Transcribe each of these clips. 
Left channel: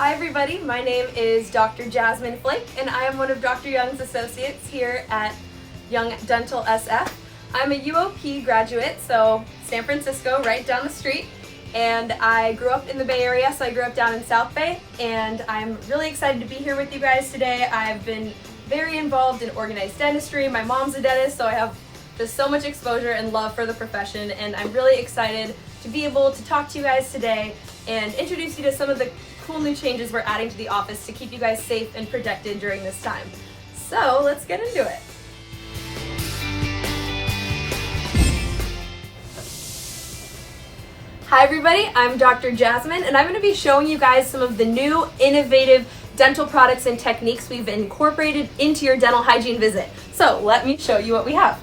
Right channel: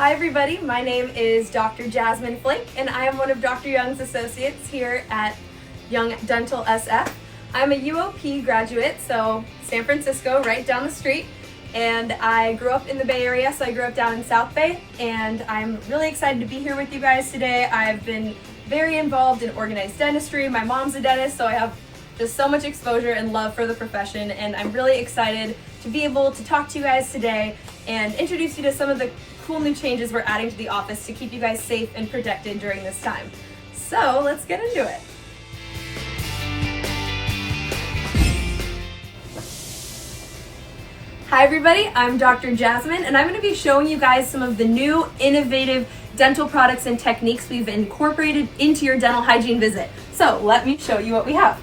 Hi everybody, my name is Dr. Jasmine Flake and I am one of Dr. Young's associates here at Young Dental SF. I'm a UOP graduate, so San Francisco, right down the street, and I grew up in the Bay Area, so I grew up down in South Bay, and I'm really excited to be here with you guys today. I've been very involved in organized dentistry. My mom's a dentist, so I have just so much exposure and love for the profession, and I'm really excited to be able to talk to you guys today and introduce you to some of the cool new changes we're adding to the office to keep you guys safe and protected during this time. So let's get into it. Hi everybody, I'm Dr. Jasmine and I'm going to be showing you guys some of the new innovative dental products and techniques we've incorporated into your dental hygiene visit. So let me show you what we have.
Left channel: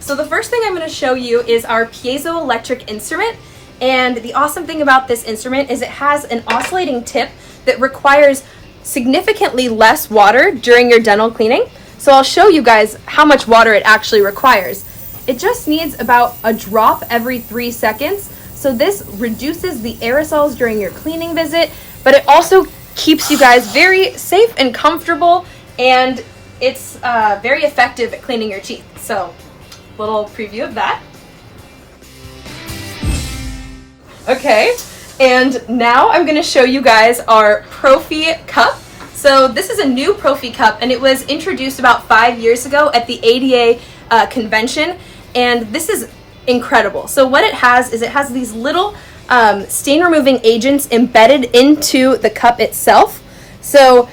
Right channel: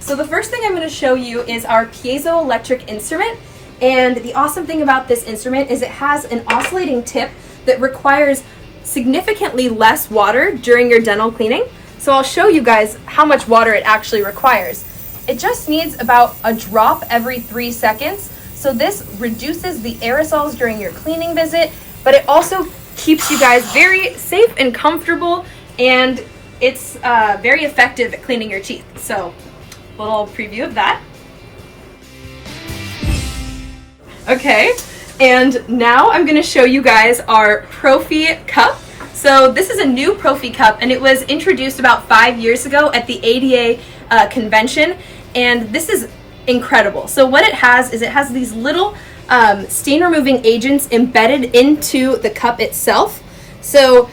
So the first thing I'm going to show you is our Piezo electric instrument. And the awesome thing about this instrument is it has an oscillating tip that requires significantly less water during your dental cleaning. So I'll show you guys how much water it actually requires. It just needs about a drop every 3 seconds. So this reduces the aerosols during your cleaning visit, but it also keeps you guys very safe and comfortable, and it's very effective at cleaning your teeth. So little preview of that. Okay, and now I'm going to show you guys our Profi cup. So this is a new Profi cup, and it was introduced about 5 years ago at the ADEC convention, and this is incredible. So what it has is it has these little stain removing agents embedded into the cup itself. So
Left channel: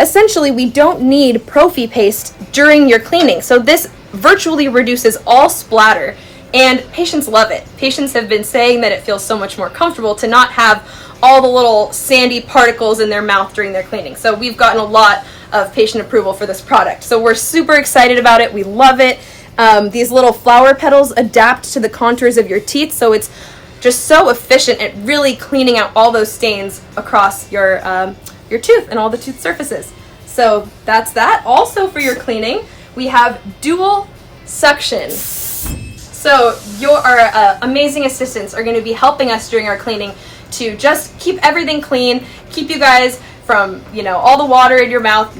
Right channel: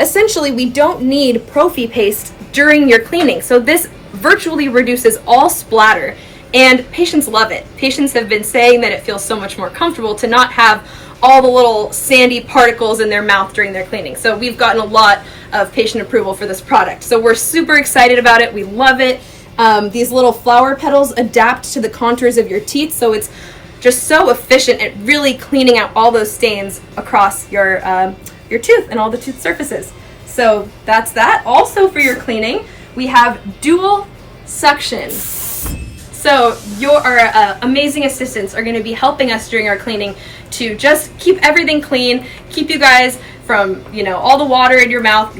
essentially we don't need Profi paste during your cleaning. So this virtually reduces all splatter. And patients love it. Patients have been saying that it feels so much more comfortable to not have all the little sandy particles in their mouth during their cleaning. So we've gotten a lot of patient approval for this product. So we're super excited about it. We love it. These little flower petals adapt to the contours of your teeth, so it's just so efficient at really cleaning out all those stains across your tooth and all the tooth surfaces. So that's that. Also for your cleaning, we have dual suction. So your amazing assistants are going to be helping us during our cleaning to just keep everything clean, keep you guys from, all the water in your mouth,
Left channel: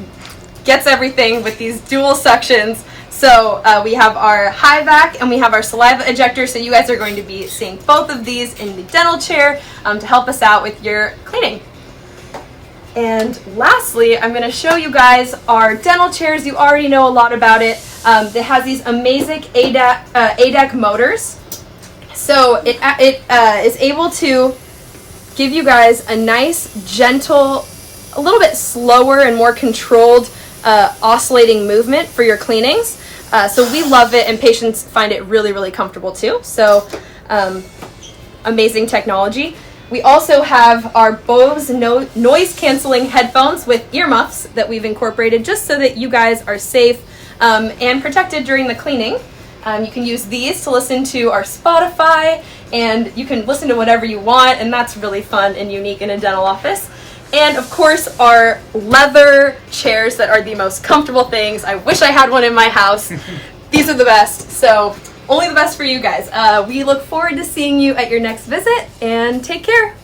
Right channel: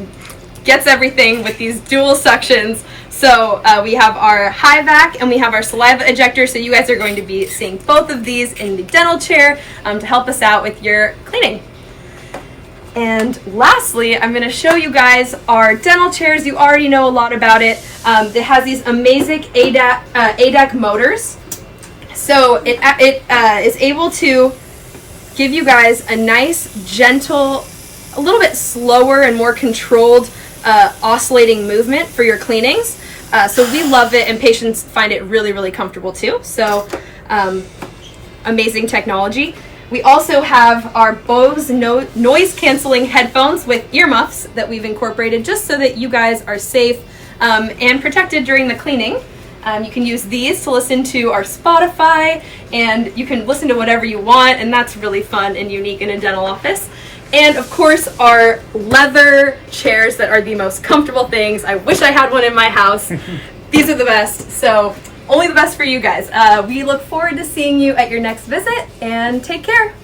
gets everything with these dual suctions. So we have our high vac and we have our saliva ejector, so you guys are going to be seeing both of these in the dental chair to help us out with your cleaning. And lastly, I'm going to show you guys our dental chairs. You already know a lot about it. It has these amazing ADEC motors. So it is able to give you guys a nice, gentle, a little bit slower and more controlled oscillating movement for your cleanings. So we love it, and patients find it really, really comfortable too. So amazing technology. We also have our Bose noise canceling headphones with earmuffs that we've incorporated just so that you guys are safe and protected during the cleaning. You can use these to listen to our Spotify, and you can listen to whatever you want, and that's really fun and unique in a dental office. And of course our leather chairs that are the most comfortable things. I wish I had one in my house. These are the best. So only the best for you guys. We look forward to seeing you at your next visit, and take care.